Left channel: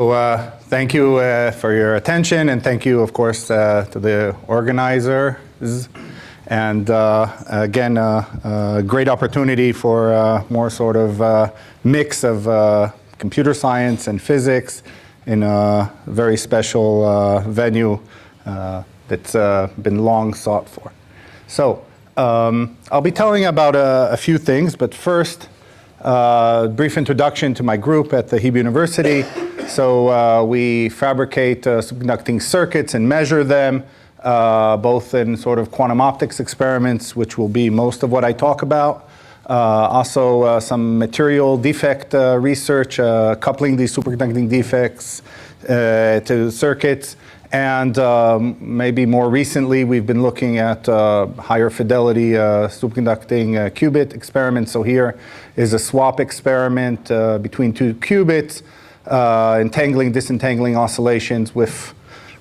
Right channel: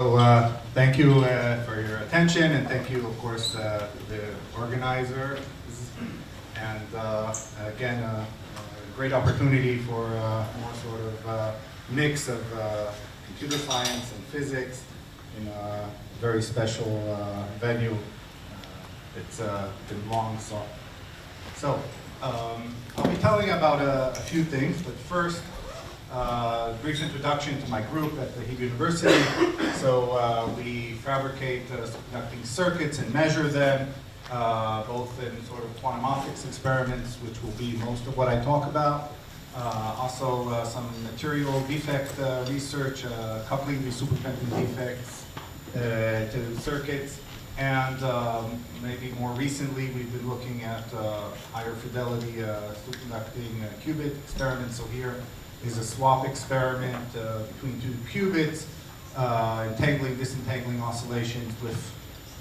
So thank you for your attention, and thank you, of course, to the organizers. And again, a great opportunity for more sort of mix of computer science and physics in a very special venue that's been long sought for. So I'll be telling about a few things, but first, brief introduction to my group at the Hebrew University. So we fabricate superconducting circuits and measure them, both in sort of quantum optics experiments, which will be most of what I talk about. Also some material defect research, coupling these superconducting defects to circuits. And maybe more recently, we've been looking at higher fidelity superconducting qubit experiments. So here is a swap experiment between two qubits, entangling, disentangling oscillations with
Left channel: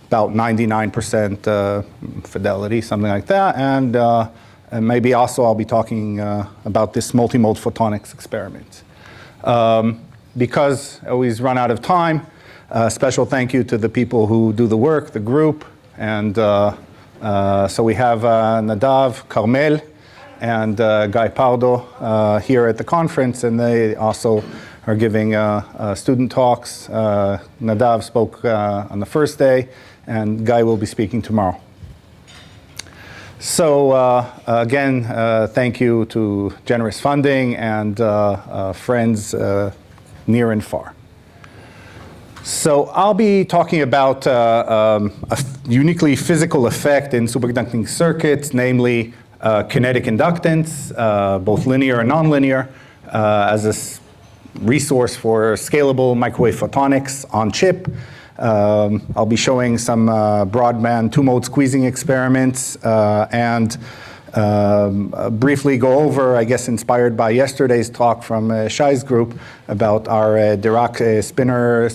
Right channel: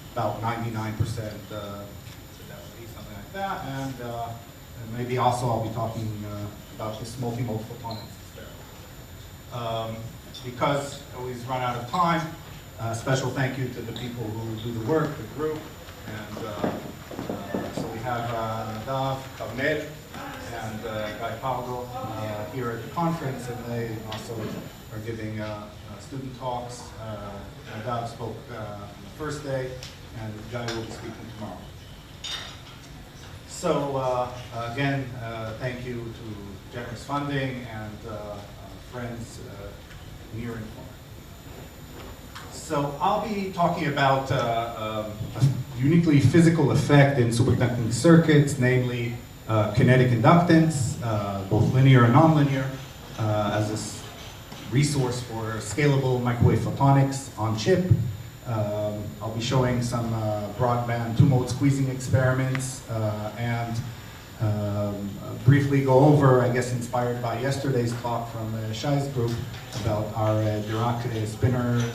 about 99% fidelity, something like that. And maybe also I'll be talking about this multimode photonics experiment. Because I always run out of time, special thank you to the people who do the work, the group. And so we have Nadav, Carmel, and Guy Pardo here at the conference, and they also are giving student talks. Nadav spoke on the first day, and Guy will be speaking tomorrow. So again, thank you to generous funding and friends near and far. So I'll be talking about a uniquely physical effect in superconducting circuits, namely kinetic inductance, both linear and nonlinear, as a resource for scalable microwave photonics on chip. I'll be showing some broadband two-mode squeezing experiments and briefly go over, I guess inspired by yesterday's talk from Shai's group, about our Dirac spinor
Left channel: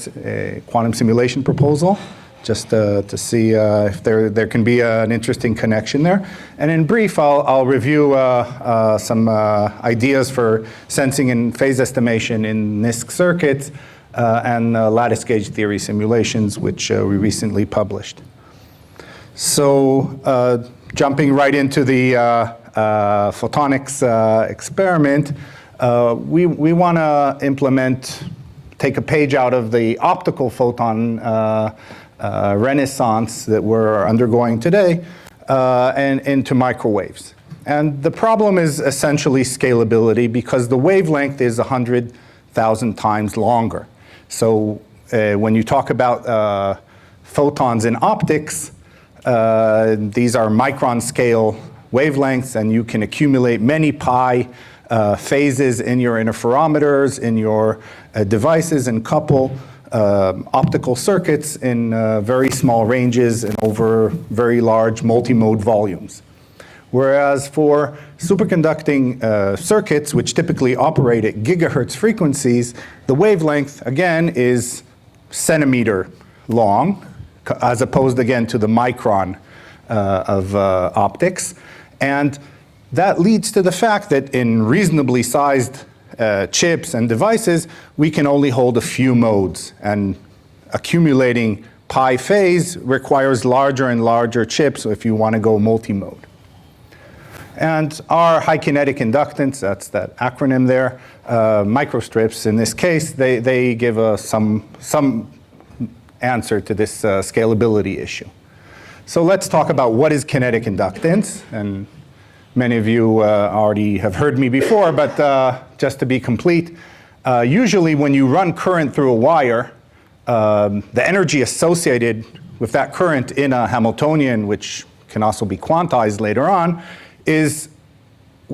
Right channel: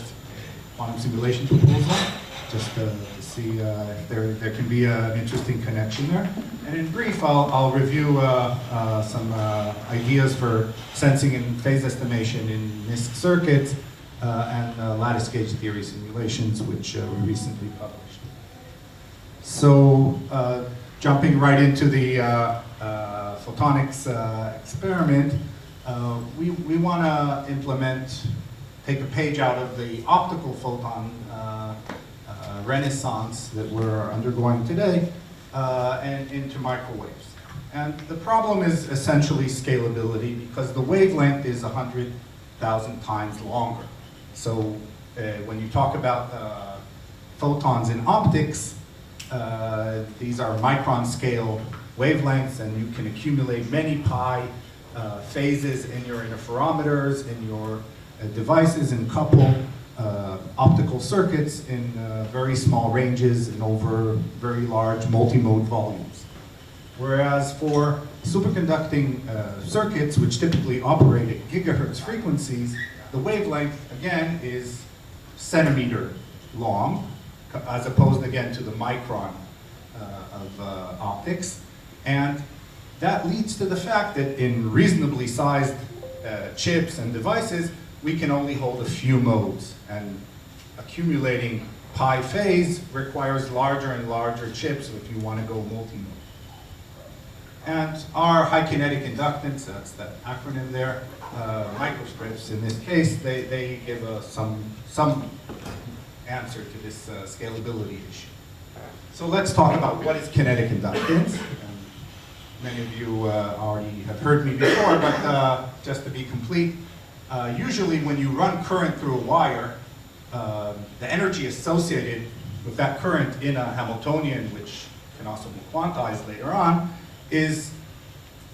quantum simulation proposal, just to see if there can be an interesting connection there. And in brief, I'll review some ideas for sensing and phase estimation in NISQ circuits and lattice gauge theory simulations, which we recently published. So jumping right into the photonics experiment, we want to take a page out of the optical photon renaissance that we're undergoing today and into microwaves. And the problem is essentially scalability, because the wavelength is 100,000 times longer. So when you talk about photons in optics, these are micron scale wavelengths, and you can accumulate many pi phases in your interferometers, in your devices, and couple optical circuits in very small ranges and over very large multi-mode volumes. Whereas for superconducting circuits, which typically operate at gigahertz frequencies, the wavelength, again, is centimeter long, as opposed, again, to the micron of optics. And that leads to the fact that in reasonably sized chips and devices, we can only hold a few modes. And accumulating pi phase requires larger and larger chips if you want to go multi-mode. And our high kinetic inductance, that's that acronym there, microstrips in this case, they give us some answer to this scalability issue. So let's talk about what is kinetic inductance. And many of you already have heard me before, but just to be complete, usually when you run current through a wire, the energy associated with that current in a Hamiltonian, which can also be quantized later on, is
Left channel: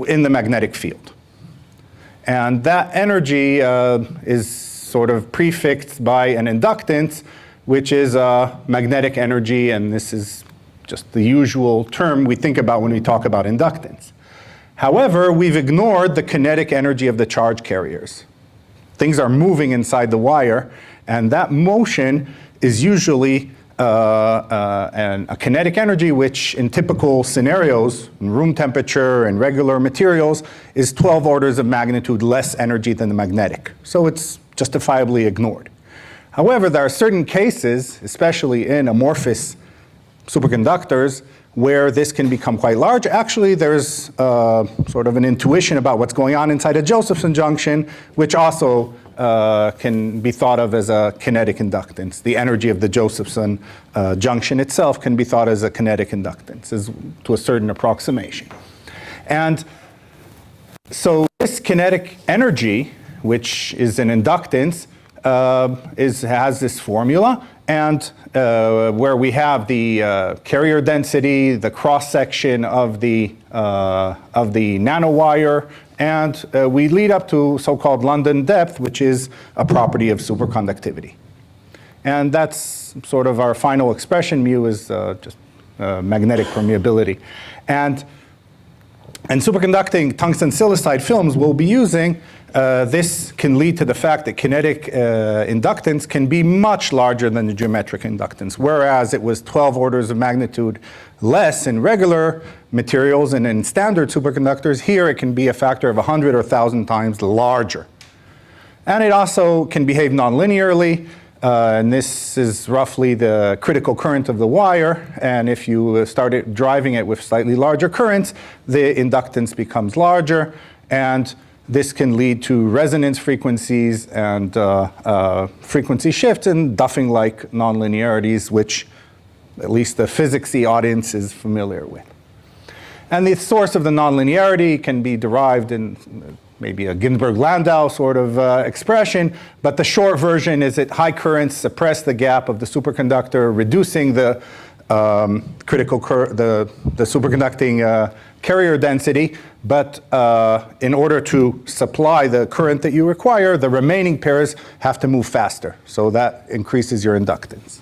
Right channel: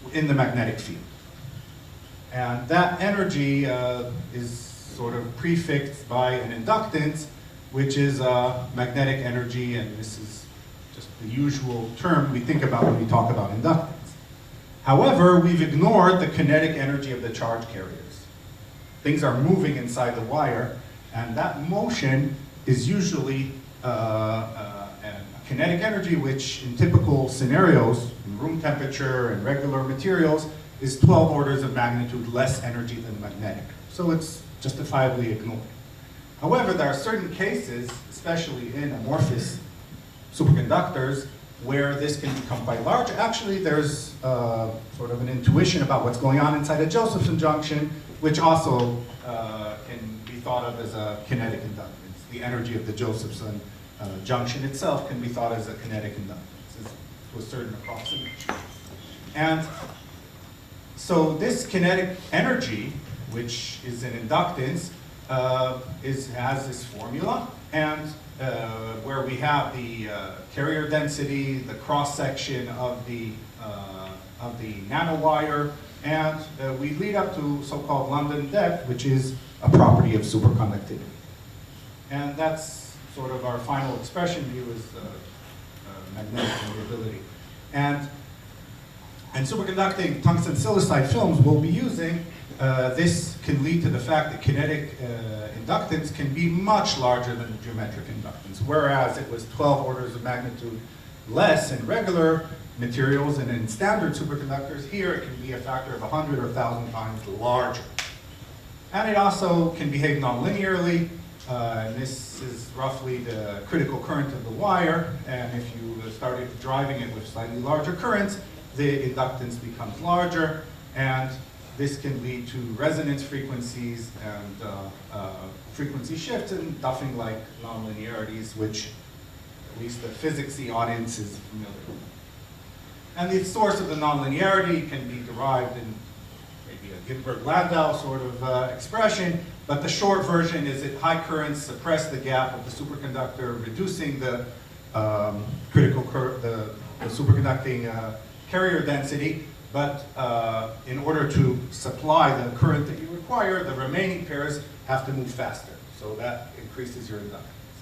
in the magnetic field. And that energy is sort of prefixed by an inductance, which is magnetic energy, and this is just the usual term we think about when we talk about inductance. However, we've ignored the kinetic energy of the charge carriers. Things are moving inside the wire, and that motion is usually a kinetic energy, which in typical scenarios, in room temperature and regular materials, is 12 orders of magnitude less energy than the magnetic. So it's justifiably ignored. However, there are certain cases, especially in amorphous superconductors, where this can become quite large. Actually, there's sort of an intuition about what's going on inside a Josephson junction, which also can be thought of as a kinetic inductance. The energy of the Josephson junction itself can be thought as a kinetic inductance, to a certain approximation. And so this kinetic energy, which is an inductance, has this formula, and where we have the carrier density, the cross-section of the nanowire, and we lead up to so-called London depth, which is a property of superconductivity. And that's sort of our final expression. Mu is just magnetic permeability. And superconducting tungsten silicide films we'll be using, this can lead to the fact that kinetic inductance can be much larger than the geometric inductance, whereas it was 12 orders of magnitude less in regular materials and in standard superconductors. Here it can be a factor of 100 or 1,000 times larger. And it also can behave nonlinearly, and this is roughly the critical current of the wire, and if you started driving it with slightly larger currents, the inductance becomes larger, and this can lead to resonance frequencies and frequency shifts and Duffing-like nonlinearities, which at least the physicsy audience is familiar with. And the source of the nonlinearity can be derived in maybe a Ginzburg-Landau sort of expression, but the short version is that high currents suppress the gap of the superconductor, reducing the the superconducting carrier density, but in order to supply the current that you require, the remaining pairs have to move faster. So that increases your inductance.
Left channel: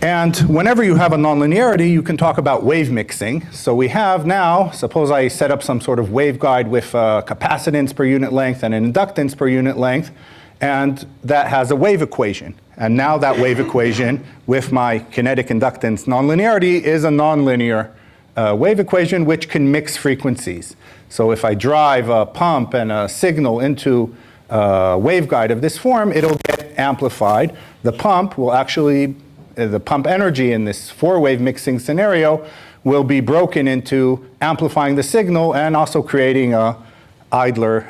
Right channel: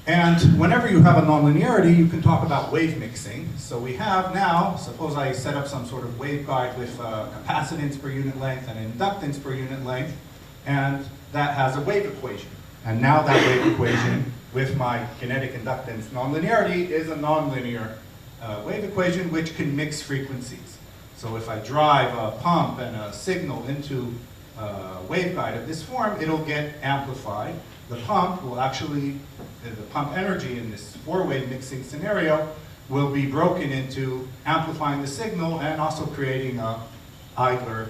And whenever you have a nonlinearity, you can talk about wave mixing. So we have now, suppose I set up some sort of waveguide with capacitance per unit length and an inductance per unit length, and that has a wave equation. And now that wave equation with my kinetic inductance nonlinearity is a nonlinear wave equation which can mix frequencies. So if I drive a pump and a signal into a waveguide of this form, it'll get amplified. The pump will actually, the pump energy in this four-wave mixing scenario will be broken into amplifying the signal and also creating a idler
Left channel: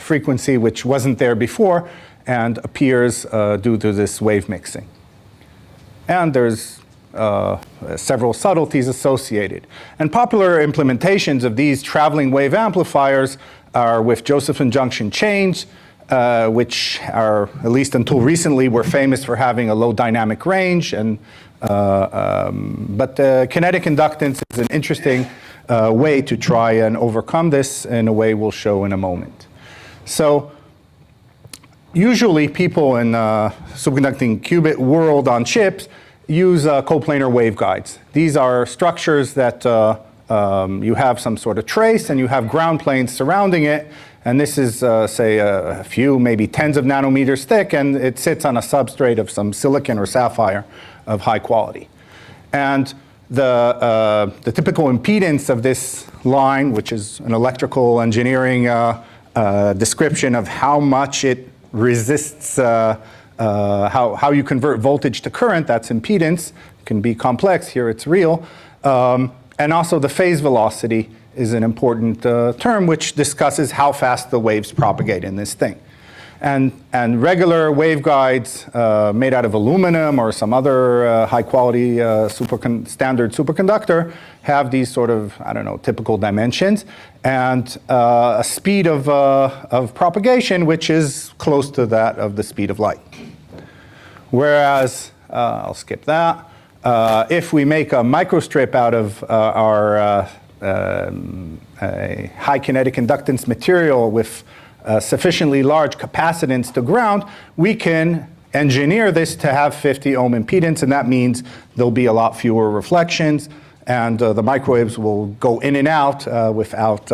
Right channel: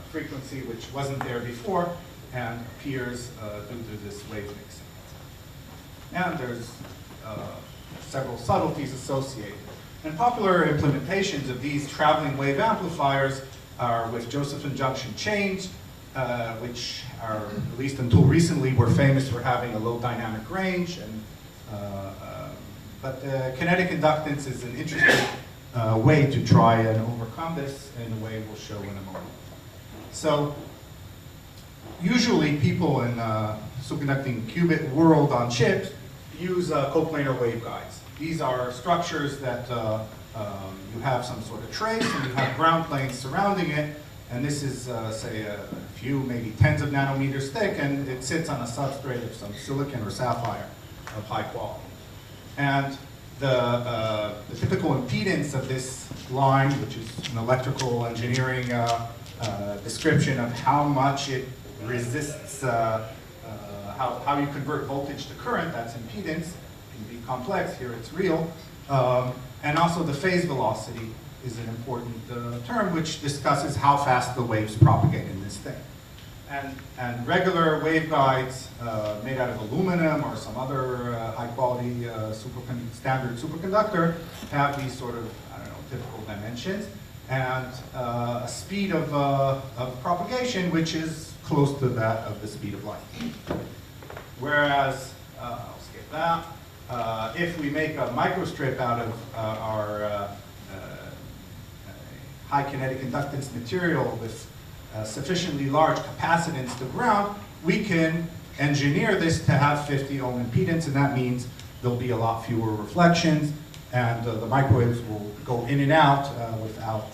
frequency which wasn't there before and appears due to this wave mixing. And there's several subtleties associated. And popular implementations of these traveling wave amplifiers are with Josephson junction chains, which are, at least until recently, were famous for having a low dynamic range. And, but kinetic inductance is an interesting way to try and overcome this in a way we'll show in a moment. So usually people in superconducting qubit world on chips use coplanar waveguides. These are structures that you have some sort of trace and you have ground planes surrounding it. And this is, say, a few, maybe tens of nanometers thick, and it sits on a substrate of some silicon or sapphire of high quality. And the typical impedance of this line, which is an electrical engineering description of how much it resists, how you convert voltage to current, that's impedance, can be complex, here it's real. And also the phase velocity is an important term which discusses how fast the waves propagate in this thing. And regular waveguides made out of aluminum or some other high quality standard superconductor have these sort of, I don't know, typical dimensions and a speed of propagation which is close to that of the speed of light. Whereas, I'll skip that, if we make a microstrip out of our a high kinetic inductance material with sufficiently large capacitance to ground, we can engineer this to have 50 ohm impedance, and that means there'll be a lot fewer reflections, and the microwaves will go in and out without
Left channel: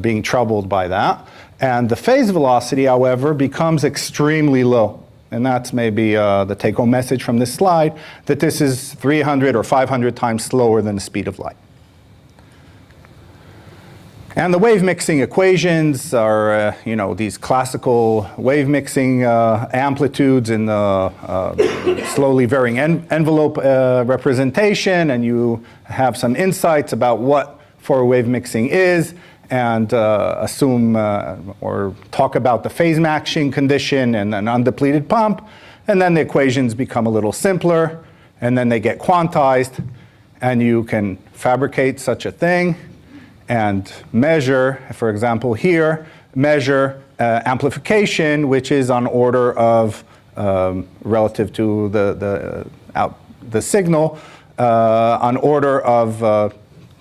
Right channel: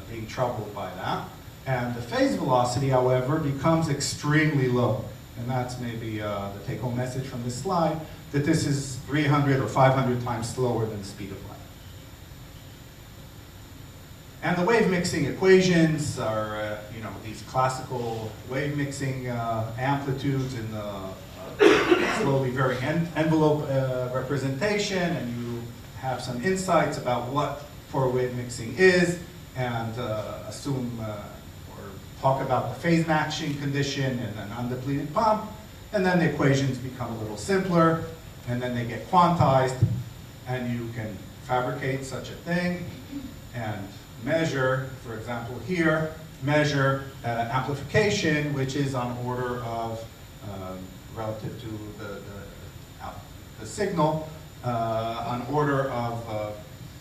being troubled by that. And the phase velocity, however, becomes extremely low. And that's maybe the take-home message from this slide, that this is 300 or 500 times slower than the speed of light. And the wave mixing equations are, these classical wave mixing amplitudes in the slowly varying envelope representation, and you have some insights about what four wave mixing is, and assume or talk about the phase matching condition and an undepleted pump, and then the equations become a little simpler, and then they get quantized, and you can fabricate such a thing and measure, for example here, measure amplification, which is on order of, relative to the signal, on order of,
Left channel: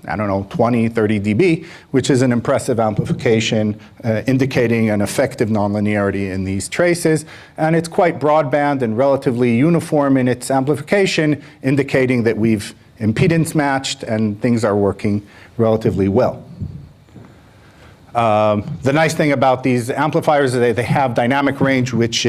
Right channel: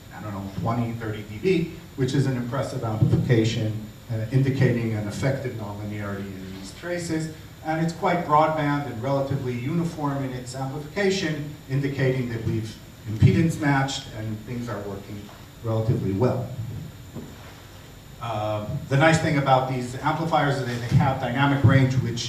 20, 30 dB, which is an impressive amplification indicating an effective nonlinearity in these traces. And it's quite broadband and relatively uniform in its amplification, indicating that we've impedance matched and things are working relatively well. The nice thing about these amplifiers is that they have dynamic range, which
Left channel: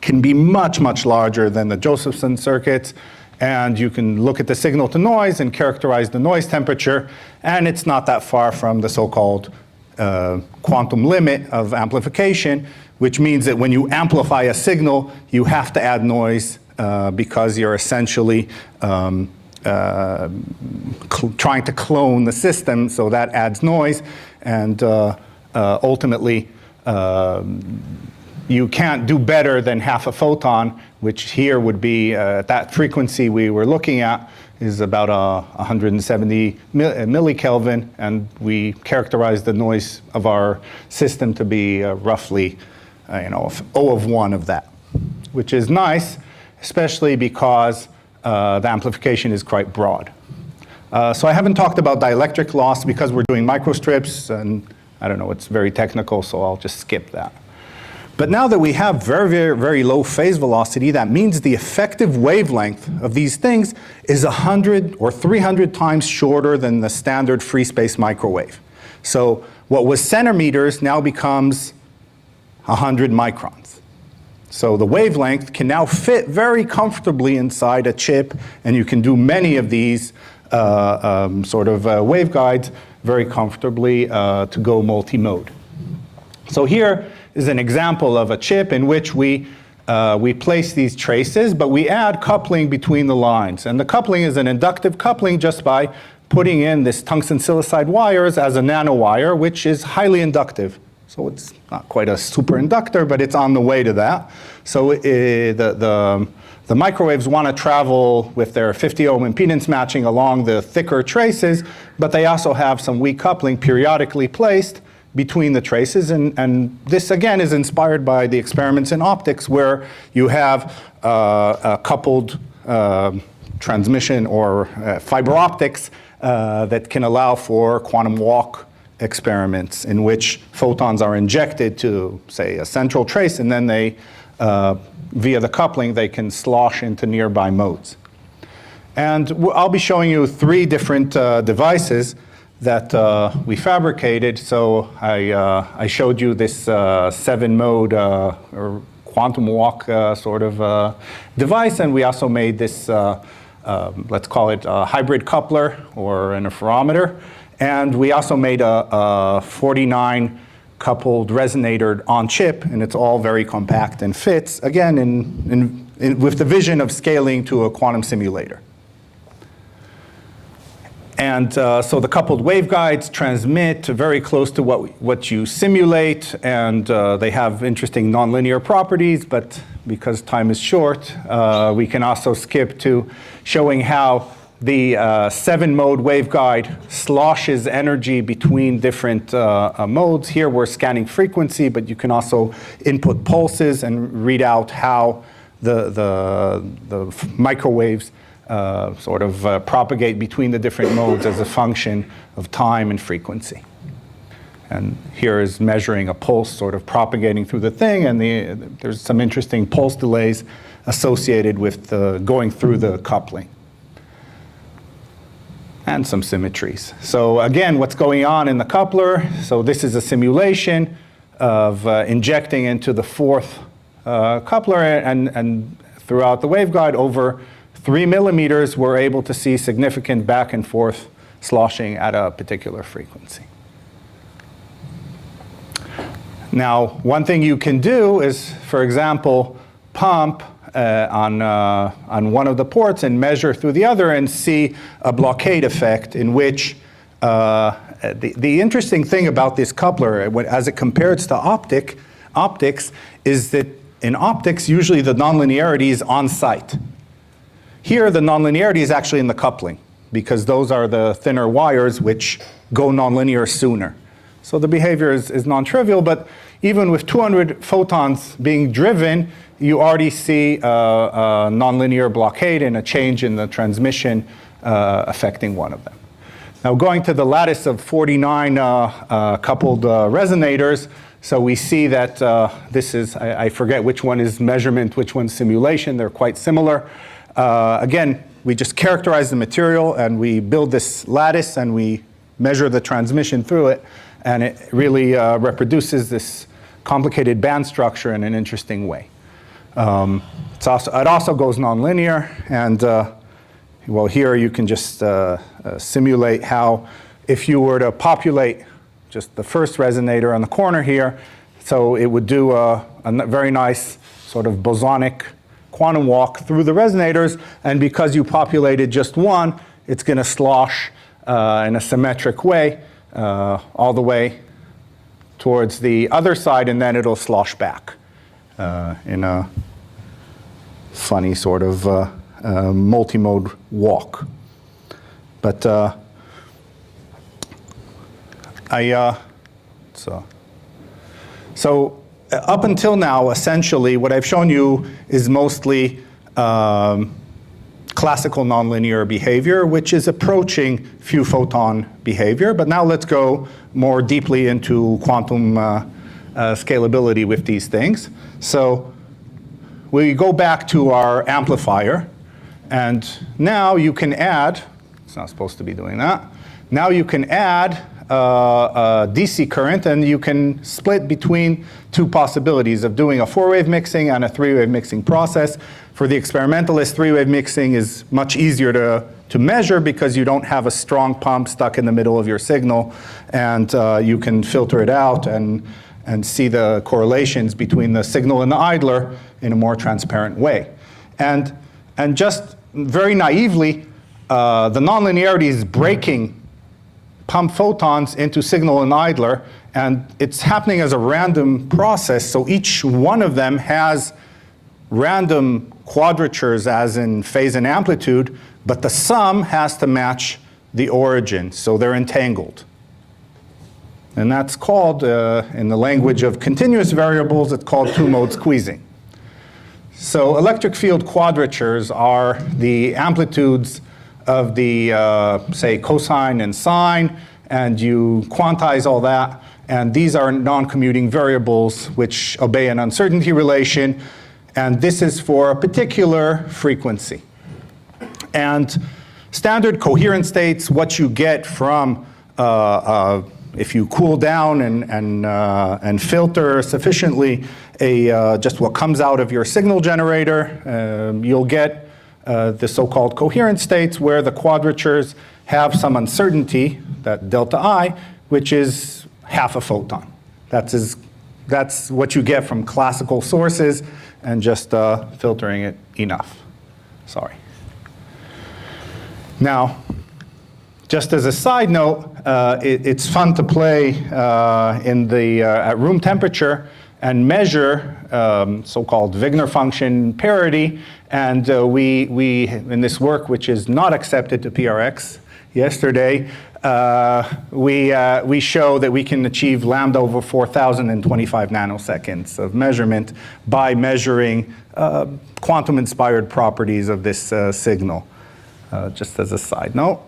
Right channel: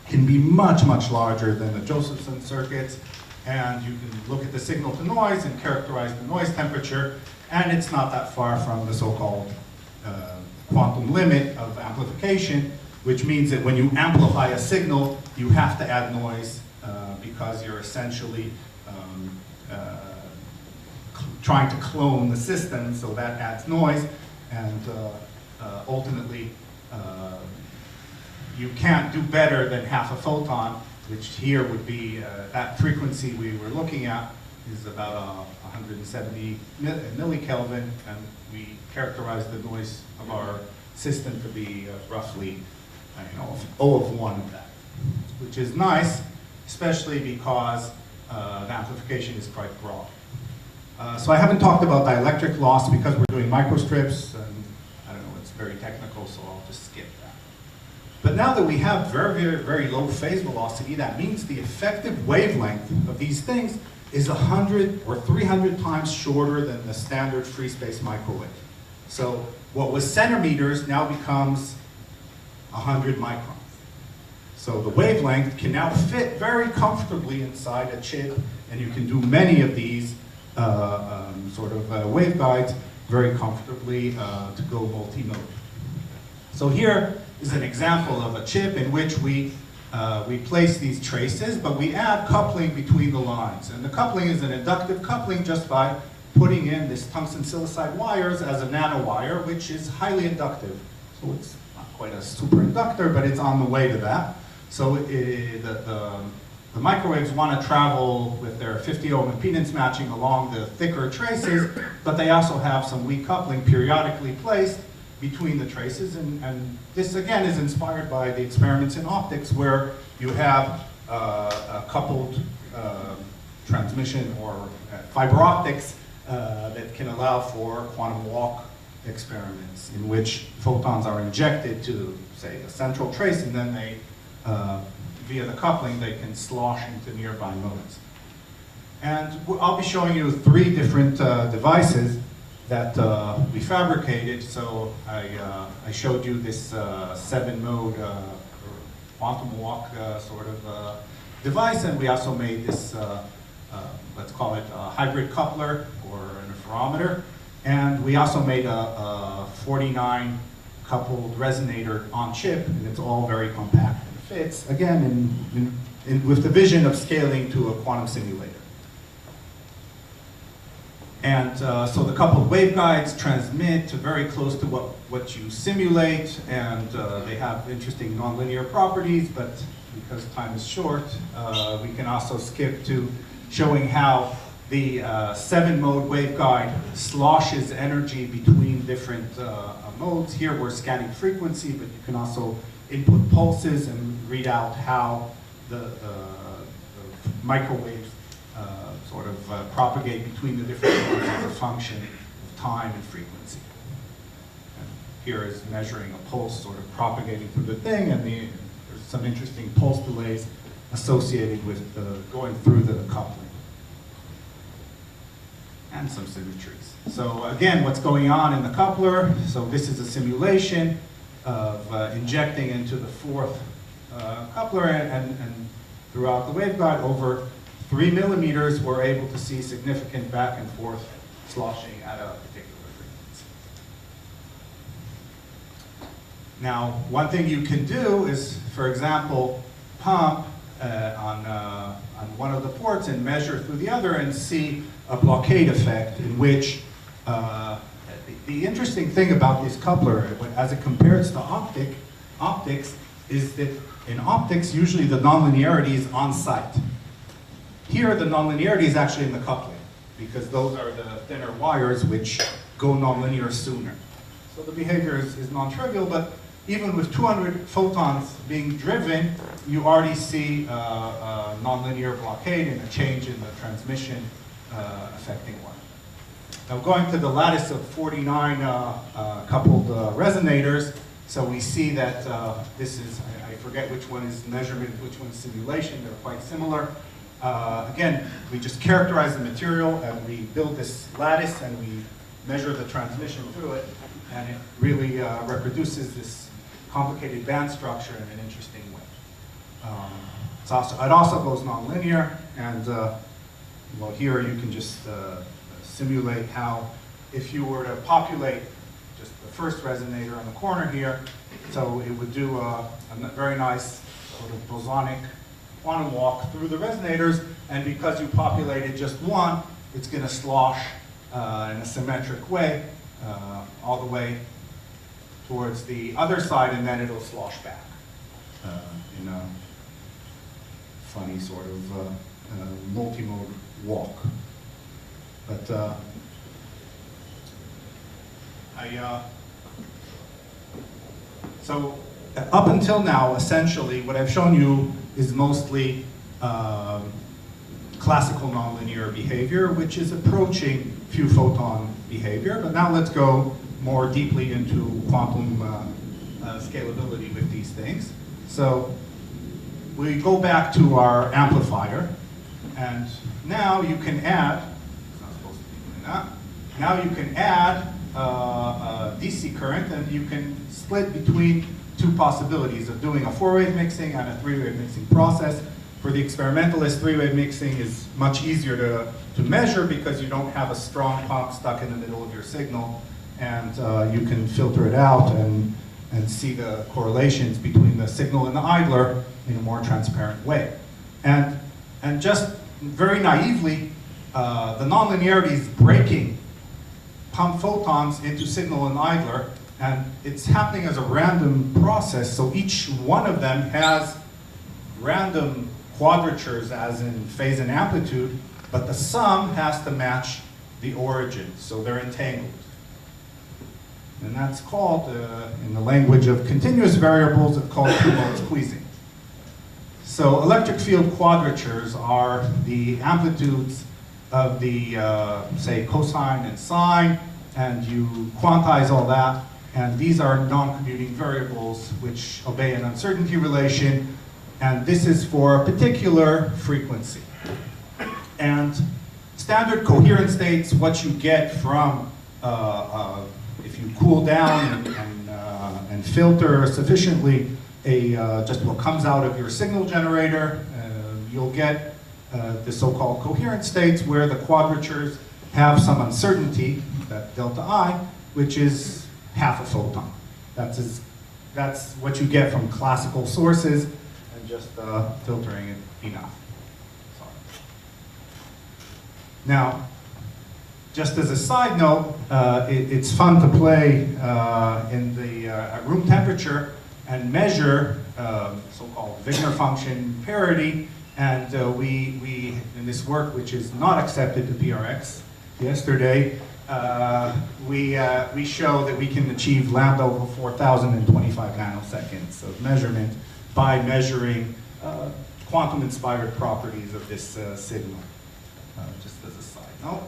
can be much, much larger than the Josephson circuits. And you can look at the signal to noise and characterize the noise temperature. And it's not that far from the so-called quantum limit of amplification, which means that when you amplify a signal, you have to add noise because you're essentially trying to clone the system, so that adds noise, and ultimately you can't do better than half a photon, which here would be that frequency we were looking at is about 170 millikelvin, and we characterize the noise of our system to be roughly O of 1 of that, which is nice, especially because the amplification is quite broad. So I haven't talked about dielectric loss because we're doing microstrips, and I don't know, it's very technical, so I'll just skip that. But now that we have very, very, very low phase velocity, that means the effective wavelength of these things is 100 or 300 times shorter than the standard free space microwave. So what was centimeters now becomes 100 microns. So the wavelength can now fit very comfortably inside a chip, and you can do many of these waveguides very comfortably to go multi-mode. So here is an example of a chip in which we place these traces, but we add coupling between the lines. And the coupling is an inductive coupling just by putting in this tungsten silicide wires as a nanowire, which is highly inductive. So it's not quite a superinductor, but it's on the way to that. So the microwaves want to travel with their 50 ohm impedance matching along the thicker traces, but they also have some weak coupling periodically placed between the traces. And this, again, is inspired by the experiments in optics where you have a coupled transmission or fiber optics that can allow for quantum walk experiments in which photons are injected to, say, a central trace, and then they, via the coupling, they can slosh into nearby modes. And I'll be showing you 3 different devices that we fabricated. So I showed you this 7-mode or quantum walk device, and we also made this, let's call it a hybrid coupler or an interferometer. And we also made a 49 coupled resonator on chip, and it's all very compact and fits, again, with the vision of scaling to a quantum simulator. And so the coupled waveguides transmit very close to what you simulate, and they have interesting nonlinear properties, but because time is short, we can also skip to showing how the 7-mode waveguide sloshes energy between different modes. Here we're scanning frequency, but you can also input pulses and read out how the microwaves propagate between the different modes as a function of time and frequency. And here is measuring a pulse propagating through the thing, and there's some interesting pulse delays associated with going through the coupling. And some symmetries. So again, what's going on in the coupler? So this is a simulation of injecting into the 4th coupler, and throughout the waveguide over 3 millimeters, we're able to see significant back and forth sloshing at a particular frequency. Now, one thing you can do is, for example, pump on one of the ports and measure through the other and see a blockade effect in which the interesting thing about this coupler, as it compares to optics, is that in optics, usually the nonlinearity is on site. Here, the nonlinearity is actually in the coupling, because those are the thinner wires which go nonlinear sooner. So the behavior is non-trivial, but even with 200 photons being driven, you already see a nonlinear blockade and a change in the transmission affecting one of them. Now going to the lattice of 49 coupled resonators, so we see that this is, I forget which one is measurement, which one's simulation, they're quite similar. Again, we just characterize the material and we build this lattice and we measure the transmission through it, and it really reproduces this complicated band structure in an interesting way. It also goes nonlinear, and well, here you can just simulate how, if you were to populate just the first resonator on the corner here, so it would do a very nice sort of bosonic quantum walk through the resonators, and because you populated just one, it's going to slosh in a symmetric way all the way towards the other side, and then it'll slosh back in a funny sort of multi-mode walk. But so up until now, essentially, what I've shown you is mostly classical nonlinear behavior, which is approaching few photon behavior. But now let's go more deeply into quantum scalability with these things. So we go back to our amplifier, and now you can add, it's not supposed to be doing that, now you can add a DC current, and you can split between two possibilities of doing a 4-wave mixing and a 3-wave mixing process. For the experimentalist, 3-wave mixing is much easier to measure because you don't have a strong pump stuck in the middle of your signal, and you can filter it out and see the correlations between the signal and the idler in a more transparent way. And just very naively, the nonlinearity is breaking pump photons into signal and idler, and it's happening as a random process, so each one of them has random quadratures as in phase and amplitude, but the sum has to match the origin, so they're entangled. And that's called, in the language of continuous variables, it's called two-mode squeezing. So electric field quadratures are the amplitudes of the, say, cosine and sine, and you quantize all that, and these are non-commuting variables which obey an uncertainty relation, and this is for a particular frequency. And standard coherent states, what you get from if you cool down and filter sufficiently just what comes out of your signal generator, you'll get the so-called coherent states where the quadratures have some uncertainty, that delta I, which is half a photon. That's what you get from classical sources and just filtering it enough. Sorry. Now, just as a side note, it's fun to play at room temperature and measure so-called Wigner function parity. And we, in this work, which is not accepted to PRX yesterday, we show that we can achieve lambda over 4,025 nanoseconds of measurement by measuring quantum-inspired properties of this signal, just as a side note.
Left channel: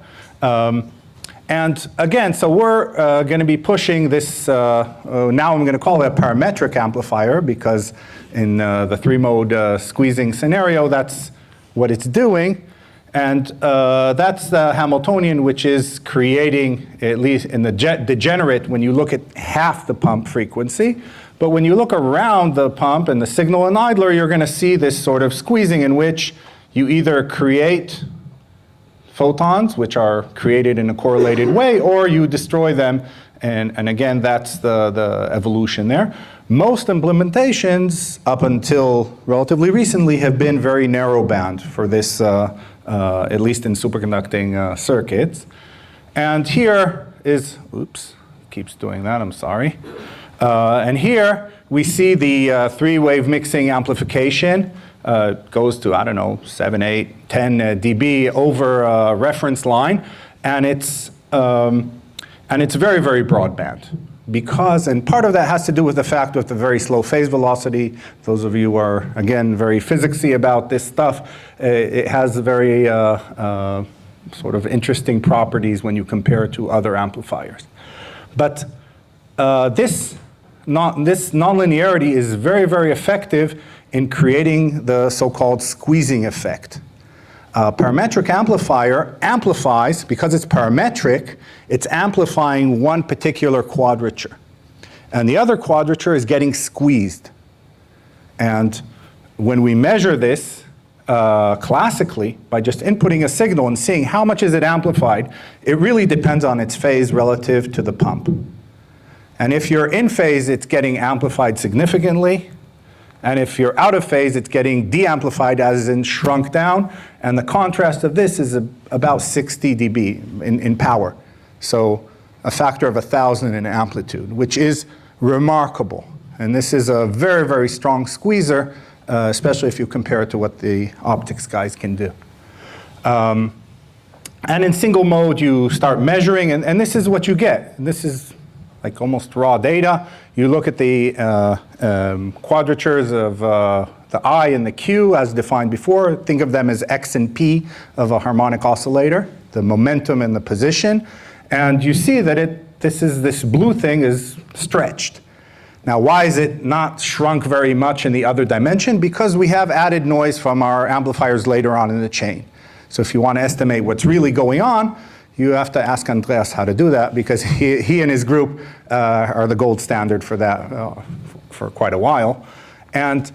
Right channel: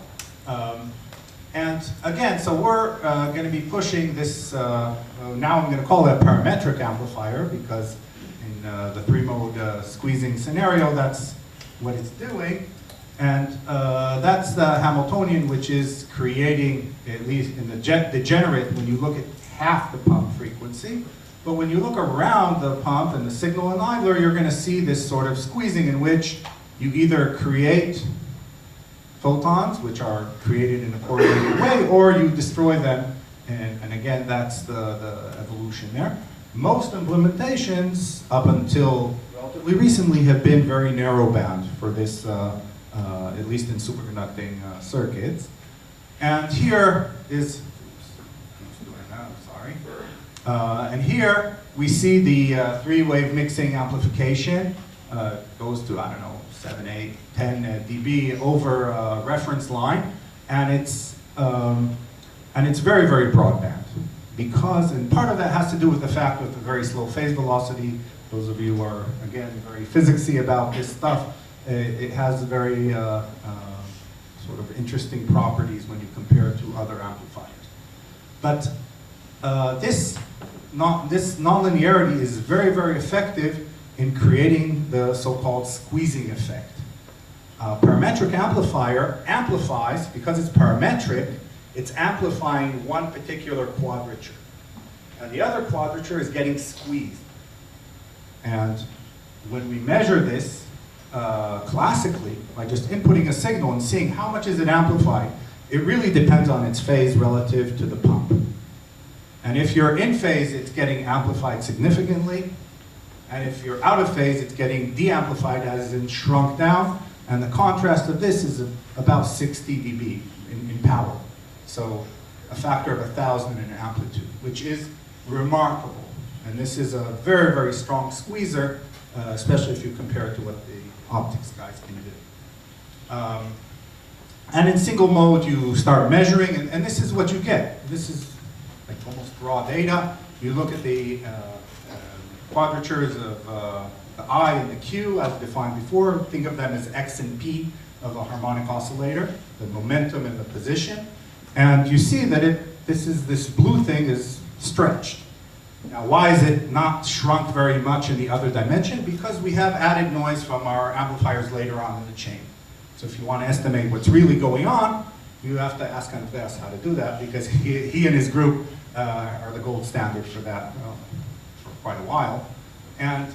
And again, so we're going to be pushing this, now I'm going to call it a parametric amplifier, because in the 3-mode squeezing scenario, that's what it's doing. And that's the Hamiltonian, which is creating, at least in the degenerate, when you look at half the pump frequency. But when you look around the pump and the signal and idler, you're going to see this sort of squeezing in which you either create photons, which are created in a correlated way, or you destroy them. And again, that's the evolution there. Most implementations, up until relatively recently, have been very narrow band for this, at least in superconducting circuits. And here is, oops, keeps doing that, I'm sorry. And here we see the three-wave mixing amplification. Goes to, I don't know, 7, 8, 10 dB over a reference line. And it's very, very broadband. Because, and part of that has to do with the fact of the very slow phase velocity. Those of you who are, again, very physicsy about this stuff, it has very sort of interesting properties when you compare it to other amplifiers. But this nonlinearity is very, very effective in creating the so-called squeezing effect. A parametric amplifier amplifies, because it's parametric, it's amplifying one particular quadrature. And the other quadrature is getting squeezed. And when we measure this classically, by just inputting a signal and seeing how much is it amplified, it really depends on its phase relative to the pump. And if you're in phase, it's getting amplified significantly. And if you're out of phase, it's getting de-amplified, as in shrunk down. And the contrast of this is about 60 dB in power. So a factor of 1,000 in amplitude, which is remarkable. And this is a very, very strong squeezer, especially if you compare it to what the optics guys can do. And in single mode, you start measuring, and this is what you get. This is like almost raw data. You look at the quadratures of the I and the Q as defined before. Think of them as X and P of a harmonic oscillator, the momentum and the position. And you see that this blue thing is stretched. Now, why is it not shrunk very much in the other dimension? Because we have added noise from our amplifiers later on in the chain. So if you want to estimate what's really going on, you have to ask Andreas how to do that, because he and his group are the gold standard for that for quite a while. And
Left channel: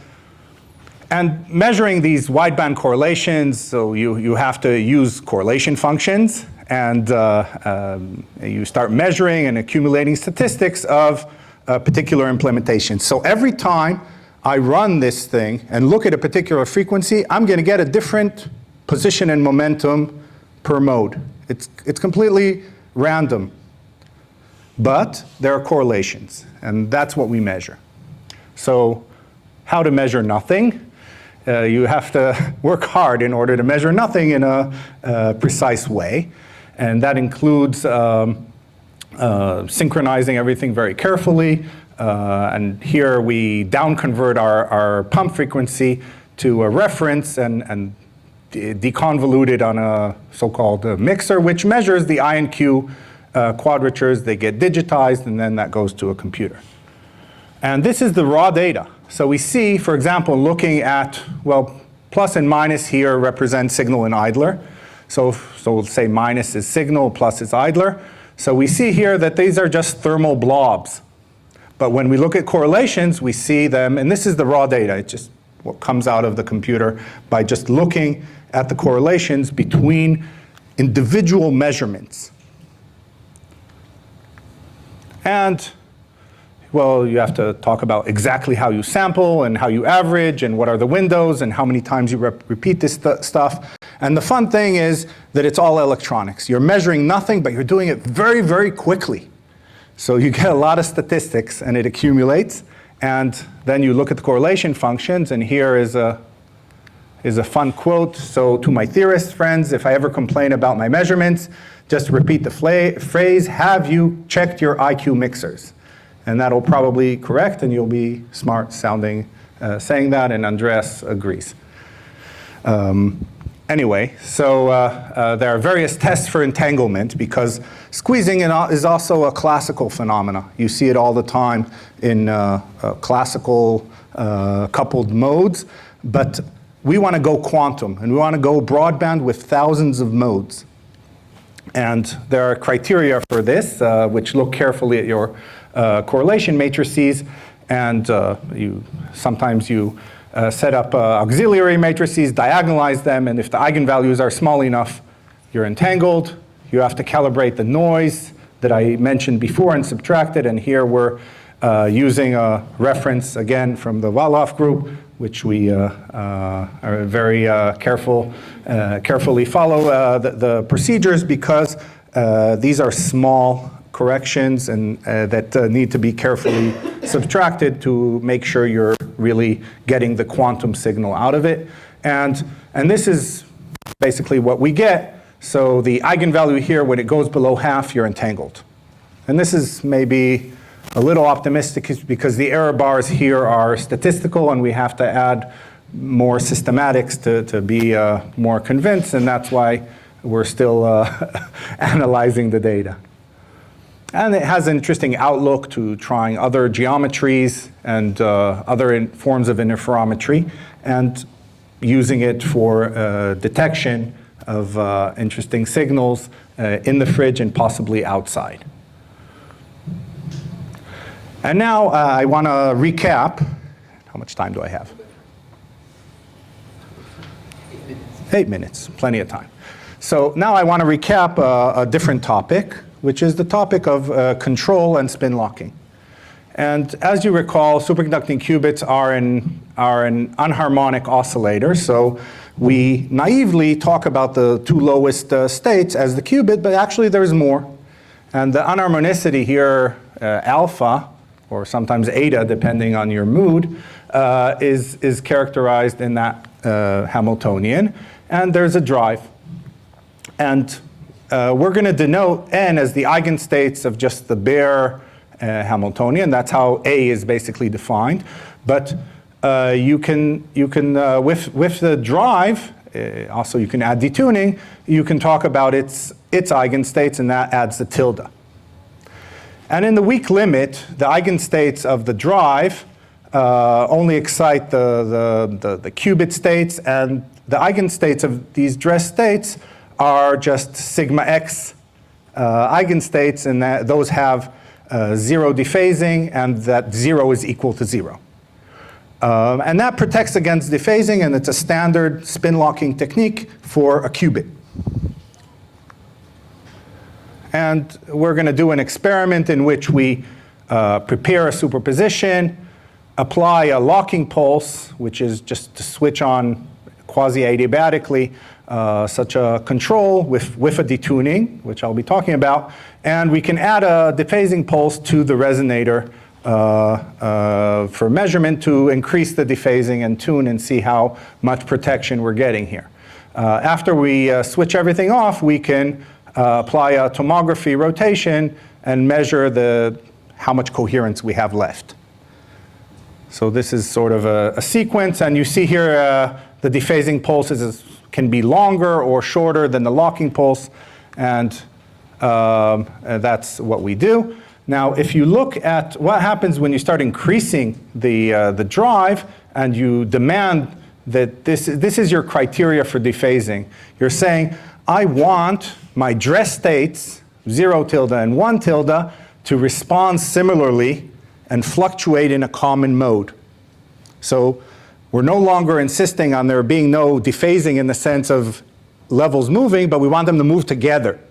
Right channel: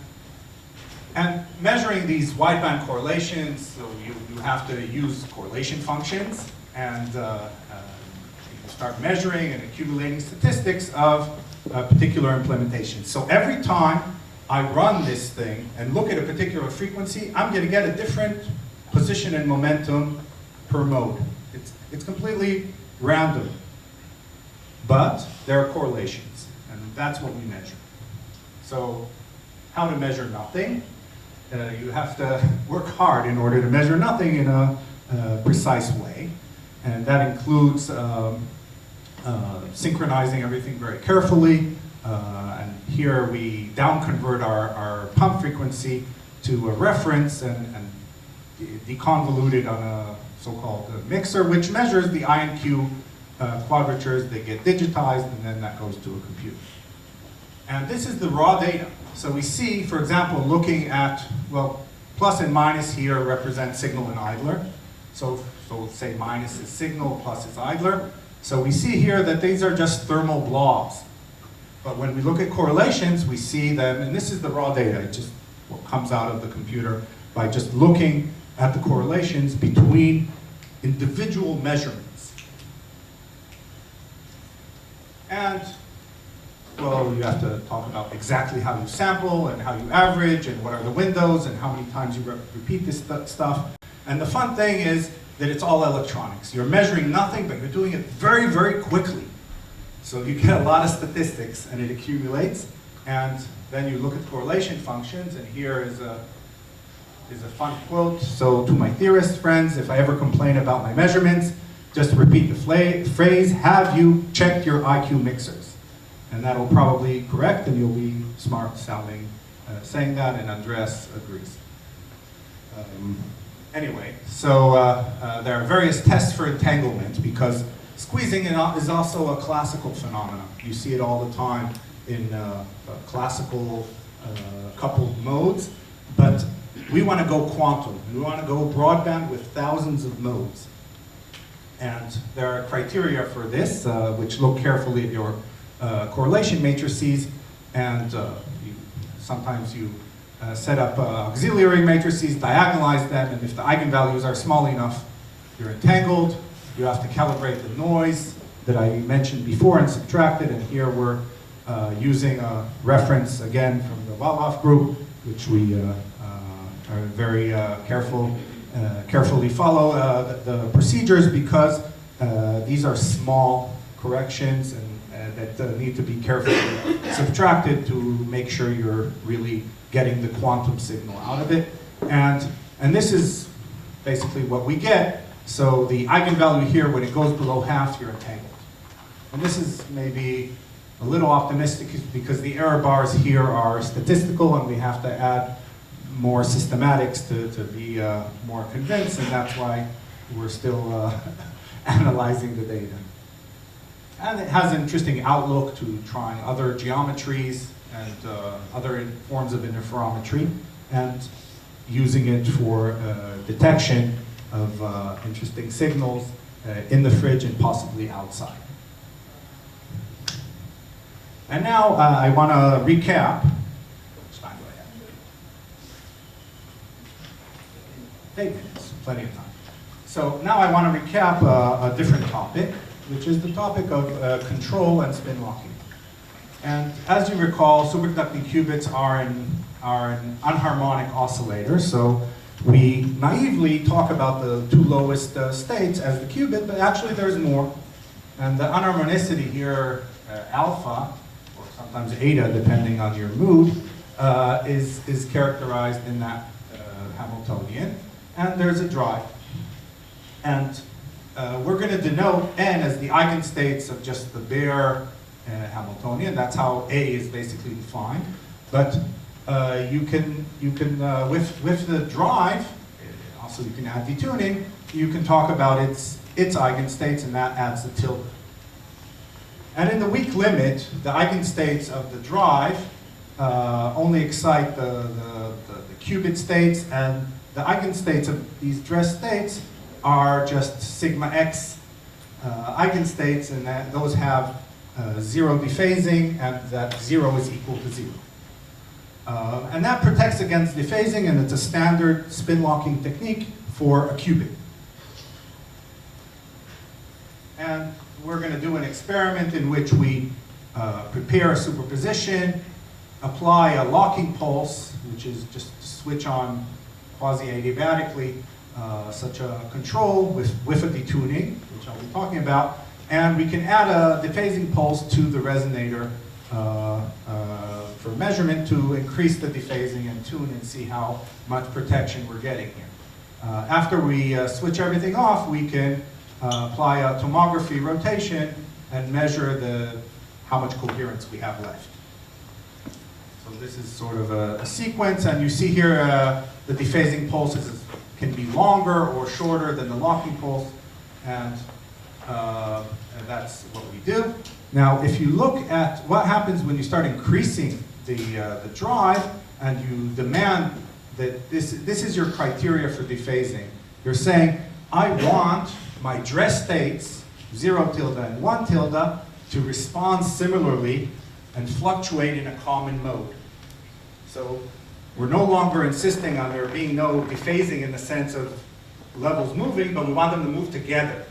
measuring these wideband correlations, so you have to use correlation functions, and you start measuring and accumulating statistics of a particular implementation. So every time I run this thing and look at a particular frequency, I'm going to get a different position and momentum per mode. It's completely random. But there are correlations, and that's what we measure. So how to measure nothing? You have to work hard in order to measure nothing in a precise way. And that includes synchronizing everything very carefully. And here we down-convert our pump frequency to a reference and deconvolute it on a so-called mixer, which measures the I and Q quadratures. They get digitized, and then that goes to a computer. And this is the raw data. So we see, for example, looking at, well, plus and minus here represent signal and idler. So we'll say minus is signal, plus is idler. So we see here that these are just thermal blobs. But when we look at correlations, we see them, and this is the raw data. It's just what comes out of the computer by just looking at the correlations between individual measurements. And, well, you have to talk about exactly how you sample and how you average and what are the windows and how many times you repeat this stuff. And the fun thing is that it's all electronics. You're measuring nothing, but you're doing it very, very quickly. So you get a lot of statistics, and it accumulates. And then you look at the correlation functions, and here is a fun quote. So to my theorist friends, if I ever complain about my measurements, just repeat the phrase, have you checked your IQ mixers? And that'll probably correct, and you'll be smart sounding, saying that, and Andreas agrees. Anyway, so there are various tests for entanglement, because squeezing is also a classical phenomena. You see it all the time in classical coupled modes, but we want to go quantum, and we want to go broadband with thousands of modes. And there are criteria for this, which look carefully at your correlation matrices, and sometimes you set up auxiliary matrices, diagonalize them, and if the eigenvalues are small enough, you're entangled. You have to calibrate the noise that I mentioned before and subtract it, and here we're using a reference, again, from the Waldorf group, which we are very carefully follow the procedures, because these are small corrections and that need to be carefully subtracted to make sure you're really getting the quantum signal out of it. And this is basically what we get. So the eigenvalue here, when it goes below half, you're entangled. And this is maybe a little optimistic because the error bars here are statistical and we have to add more systematics to be more convinced, and that's why we're still analyzing the data. And it has an interesting outlook to trying other geometries and other forms of interferometry and using it for detection of interesting signals in the fridge and possibly outside. And now I want to recap. How much time do I have? 8 minutes, plenty of time. So now I want to recap a different topic, which is the topic of control and spin locking. And as you recall, superconducting qubits are an anharmonic oscillator. So we naively talk about the two lowest states as the qubit, but actually there's more. And the anharmonicity here, alpha, or sometimes eta, depending on your mood, is characterized in that Hamiltonian. And there's a drive. And we're going to denote n as the eigenstates of just the bare Hamiltonian. That's how A is basically defined. But you can with the drive, also you can add detuning, you can talk about its eigenstates, and that adds the tilde. And in the weak limit, the eigenstates of the drive only excite the qubit states, and the eigenstates of these dress states are just sigma x eigenstates, and that those have zero dephasing, and that 0 is equal to 0. And that protects against dephasing, and it's a standard spin locking technique for a qubit. And we're going to do an experiment in which we prepare a superposition, apply a locking pulse, which is just to switch on quasi-adiabatically such a control with a detuning, which I'll be talking about. And we can add a dephasing pulse to the resonator for measurement to increase the dephasing and tune and see how much protection we're getting here. After we switch everything off, we can apply a tomography rotation and measure how much coherence we have left. So this is sort of a sequence, and you see here the dephasing pulses can be longer or shorter than the locking pulse, and that's what we do. Now, if you look at what happens when you start increasing the drive and you demand that this is your criteria for dephasing, you're saying, I want my dress states, 0 tilde and 1 tilde, to respond similarly and fluctuate in a common mode. So we're no longer insisting on there being no dephasing in the sense of levels moving, but we want them to move together.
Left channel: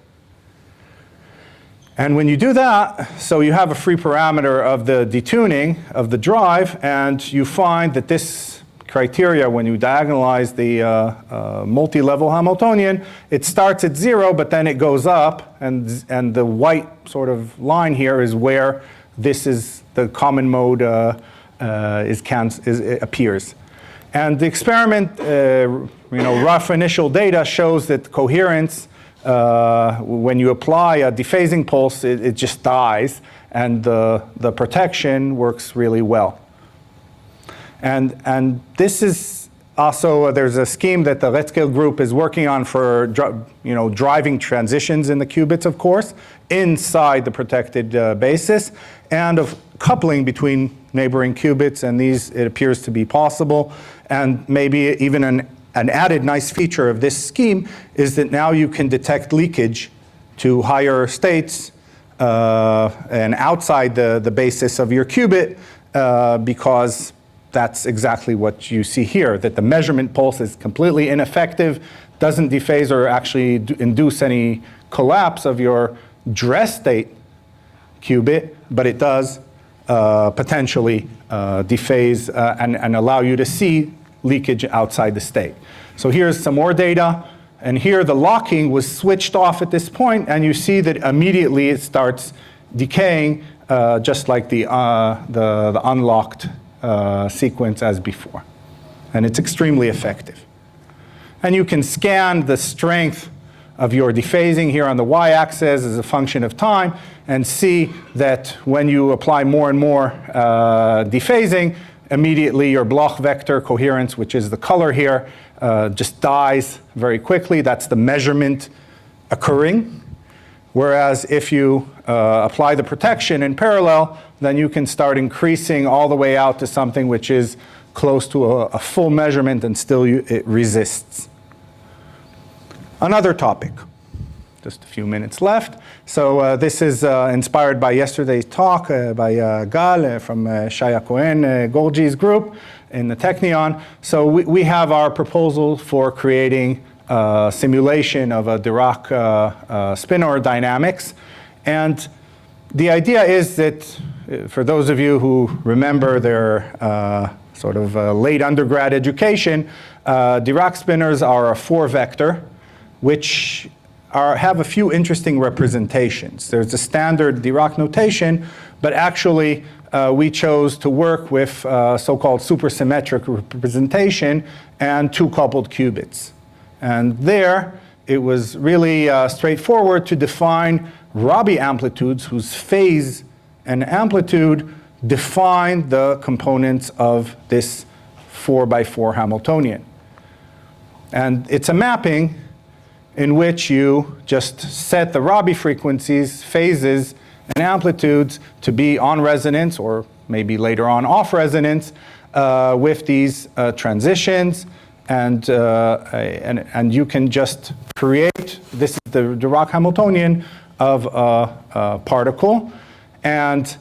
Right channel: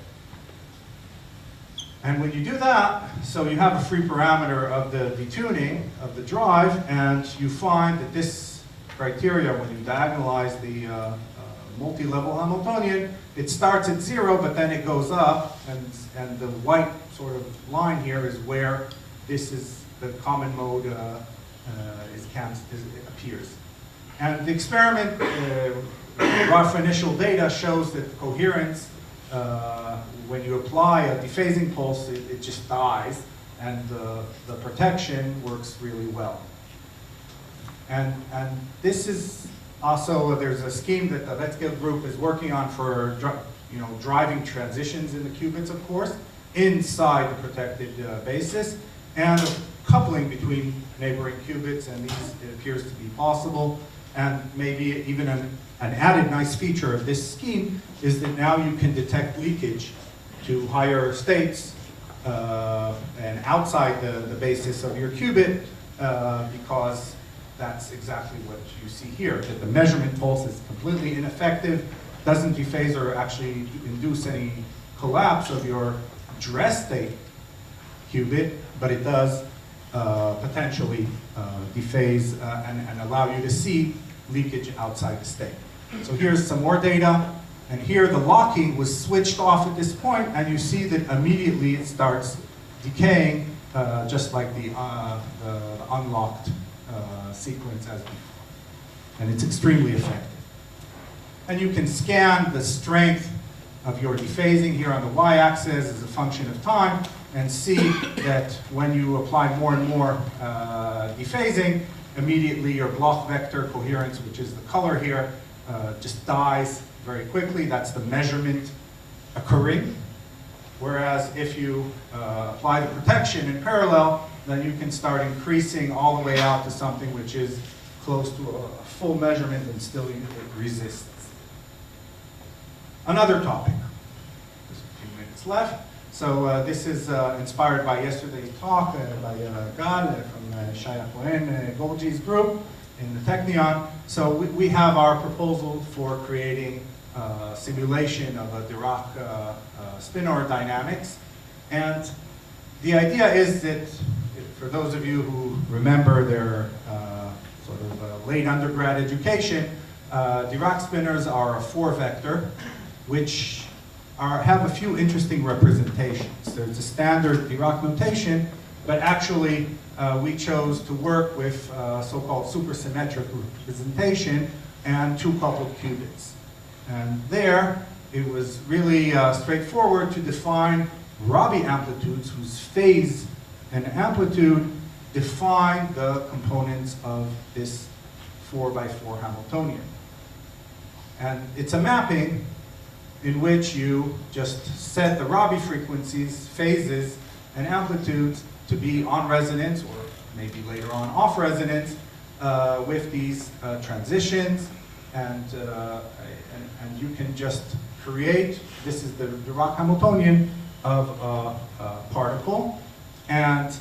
And when you do that, so you have a free parameter of the detuning of the drive, and you find that this criteria, when you diagonalize the multi-level Hamiltonian, it starts at 0, but then it goes up, and the white sort of line here is where this is the common mode appears. And the experiment, rough initial data shows that coherence, when you apply a dephasing pulse, it just dies, and the protection works really well. And this is also, there's a scheme that the Racah group is working on for driving transitions in the qubits, of course, inside the protected basis, and of coupling between neighboring qubits, and these, it appears to be possible. And maybe even an added nice feature of this scheme is that now you can detect leakage to higher states and outside the basis of your qubit because that's exactly what you see here, that the measurement pulse is completely ineffective, doesn't dephase or actually induce any collapse of your dress state qubit, but it does potentially dephase and allow you to see leakage outside the state. So here's some more data. And here the locking was switched off at this point, and you see that immediately it starts decaying just like the unlocked sequence as before. And it's extremely effective. And you can scan the strength of your dephasing here on the y-axis as a function of time and see that when you apply more and more dephasing, immediately your Bloch vector coherence, which is the color here, just dies very quickly. That's the measurement occurring. Whereas if you apply the protection in parallel, then you can start increasing all the way out to something which is close to a full measurement, and still it resists. Another topic, just a few minutes left. So this is inspired by yesterday's talk by Gal from Shaya Cohen-Gorgie's group in the Technion. So we have our proposal for creating a simulation of a Dirac spinor dynamics. And the idea is that, for those of you who remember their sort of late undergrad education, Dirac spinors are a 4-vector, which have a few interesting representations. There's a standard Dirac notation, but actually we chose to work with so-called supersymmetric representation and 2 coupled qubits. And there, it was really straightforward to define Rabi amplitudes whose phase and amplitude define the components of this 4x4 Hamiltonian. And it's a mapping in which you just set the Rabi frequencies, phases, and amplitudes to be on resonance, or maybe later on off resonance, with these transitions. And you can just create, this is the Dirac Hamiltonian of a particle. And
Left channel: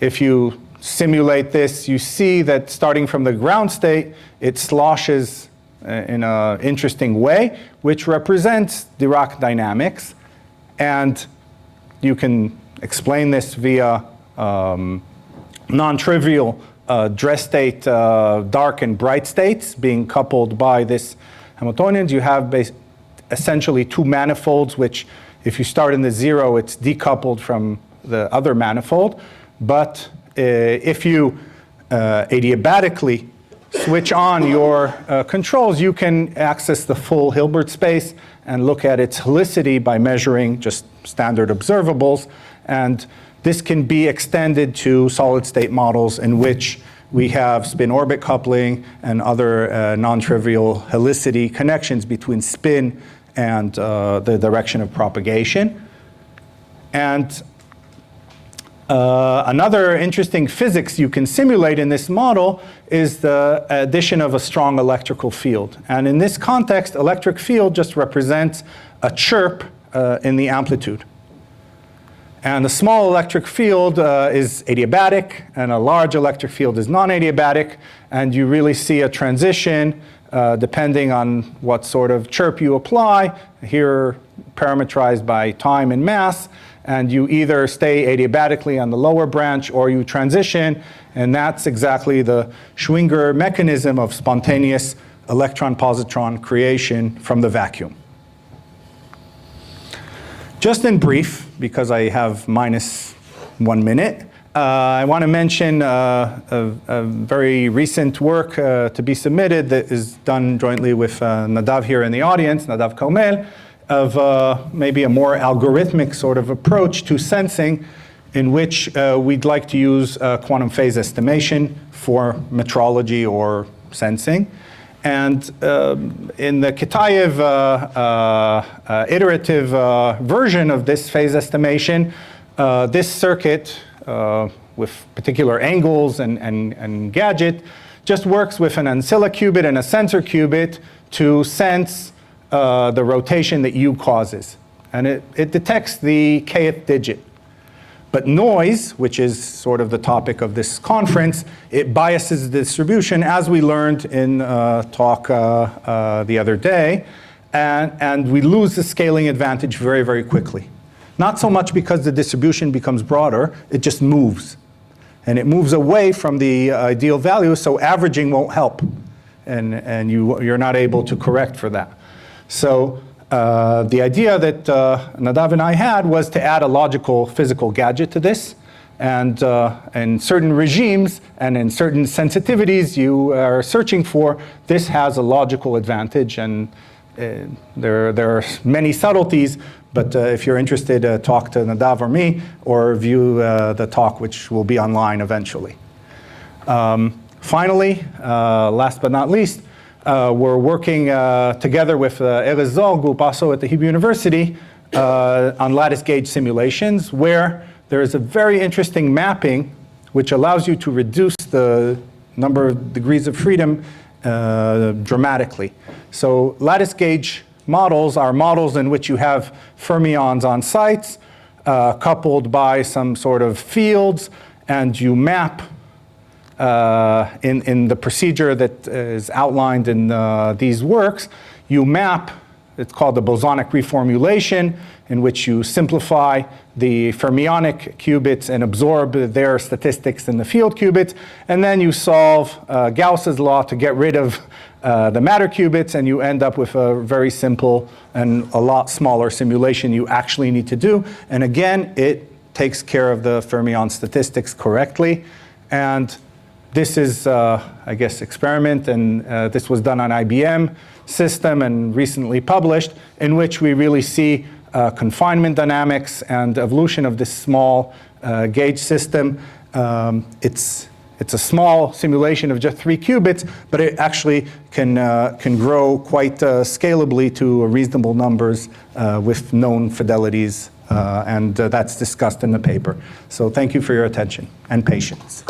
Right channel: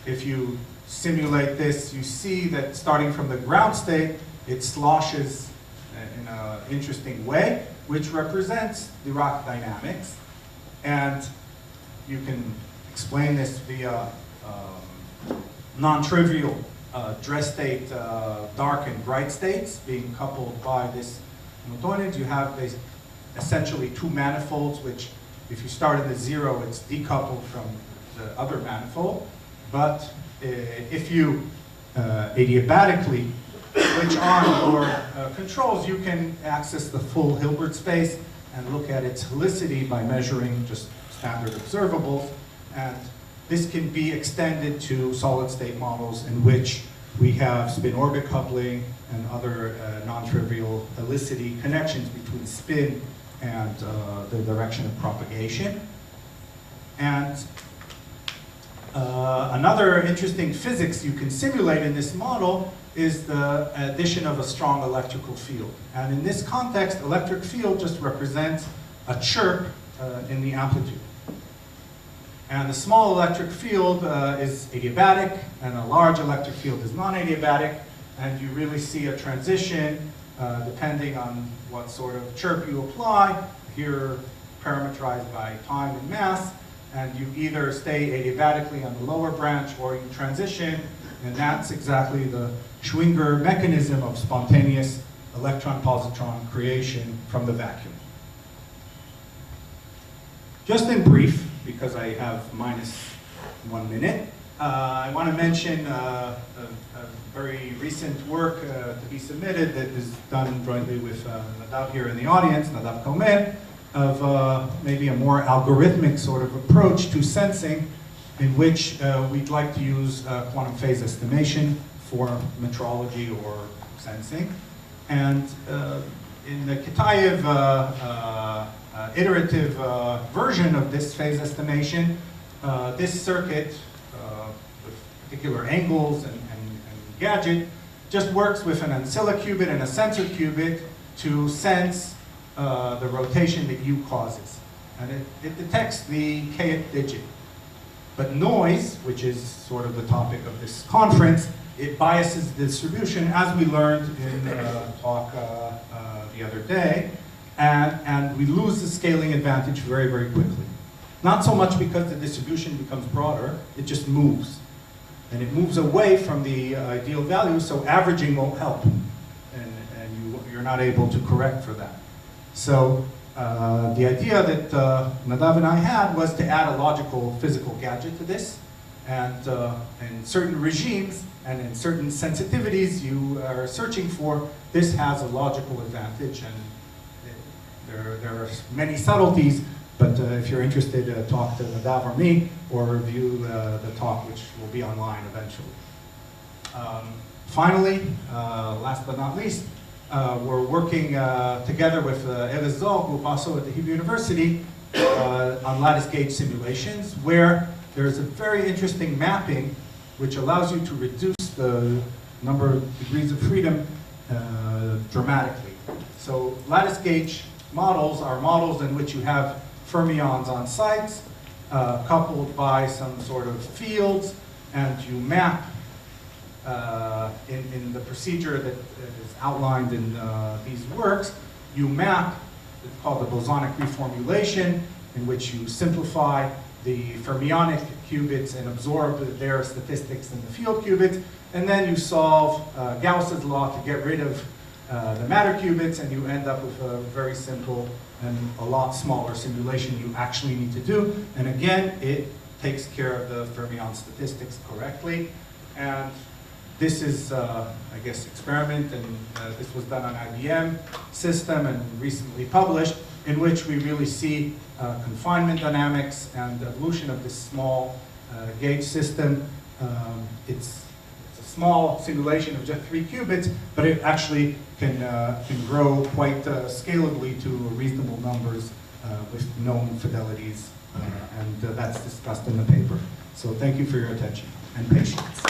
if you simulate this, you see that starting from the ground state, it sloshes in an interesting way, which represents Dirac dynamics. And you can explain this via non-trivial dress state dark and bright states being coupled by this Hamiltonians. You have essentially 2 manifolds, which if you start in the 0, it's decoupled from the other manifold. But if you adiabatically switch on your controls, you can access the full Hilbert space and look at its helicity by measuring just standard observables. And this can be extended to solid-state models in which we have spin-orbit coupling and other non-trivial helicity connections between spin and the direction of propagation. And another interesting physics you can simulate in this model is the addition of a strong electrical field. And in this context, electric field just represents a chirp in the amplitude. And a small electric field is adiabatic, and a large electric field is non-adiabatic. And you really see a transition depending on what sort of chirp you apply, here parametrized by time and mass. And you either stay adiabatically on the lower branch or you transition. And that's exactly the Schwinger mechanism of spontaneous electron-positron creation from the vacuum. Just in brief, because I have -1 minute, I want to mention a very recent work to be submitted that is done jointly with Nadav here in the audience, Nadav Katz, of maybe a more algorithmic sort of approach to sensing, in which we'd like to use quantum phase estimation for metrology or sensing. And in the Kitaev iterative version of this phase estimation, this circuit with particular angles and gadget just works with an ancilla qubit and a sensor qubit to sense the rotation that U causes. And it detects the kth digit. But noise, which is sort of the topic of this conference, it biases the distribution, as we learned in talk the other day, and we lose the scaling advantage very, very quickly. Not so much because the distribution becomes broader, it just moves. And it moves away from the ideal value, so averaging won't help. And you're not able to correct for that. So the idea that Nadav and I had was to add a logical physical gadget to this. And in certain regimes and in certain sensitivities you are searching for, this has a logical advantage. And there are many subtleties, but if you're interested, talk to Nadav or me, or view the talk, which will be online eventually. Finally, last but not least, we're working together with Erez Zor group, also at the Hebrew University, on lattice gauge simulations, where there is a very interesting mapping which allows you to reduce the number of degrees of freedom dramatically. So lattice gauge models are models in which you have fermions on sites coupled by some sort of fields, and you map in the procedure that is outlined in these works, you map, it's called the bosonic reformulation, in which you simplify the fermionic qubits and absorb their statistics in the field qubits, and then you solve Gauss's law to get rid of the matter qubits, and you end up with a very simple and a lot smaller simulation you actually need to do. And again, it takes care of the fermion statistics correctly. And this is, I guess, experiment, and this was done on IBM system and recently published, in which we really see confinement dynamics and evolution of this small gauge system. It's a small simulation of just 3 qubits, but it actually can grow quite scalably to reasonable numbers with known fidelities, and that's discussed in the paper. So thank you for your attention and patience.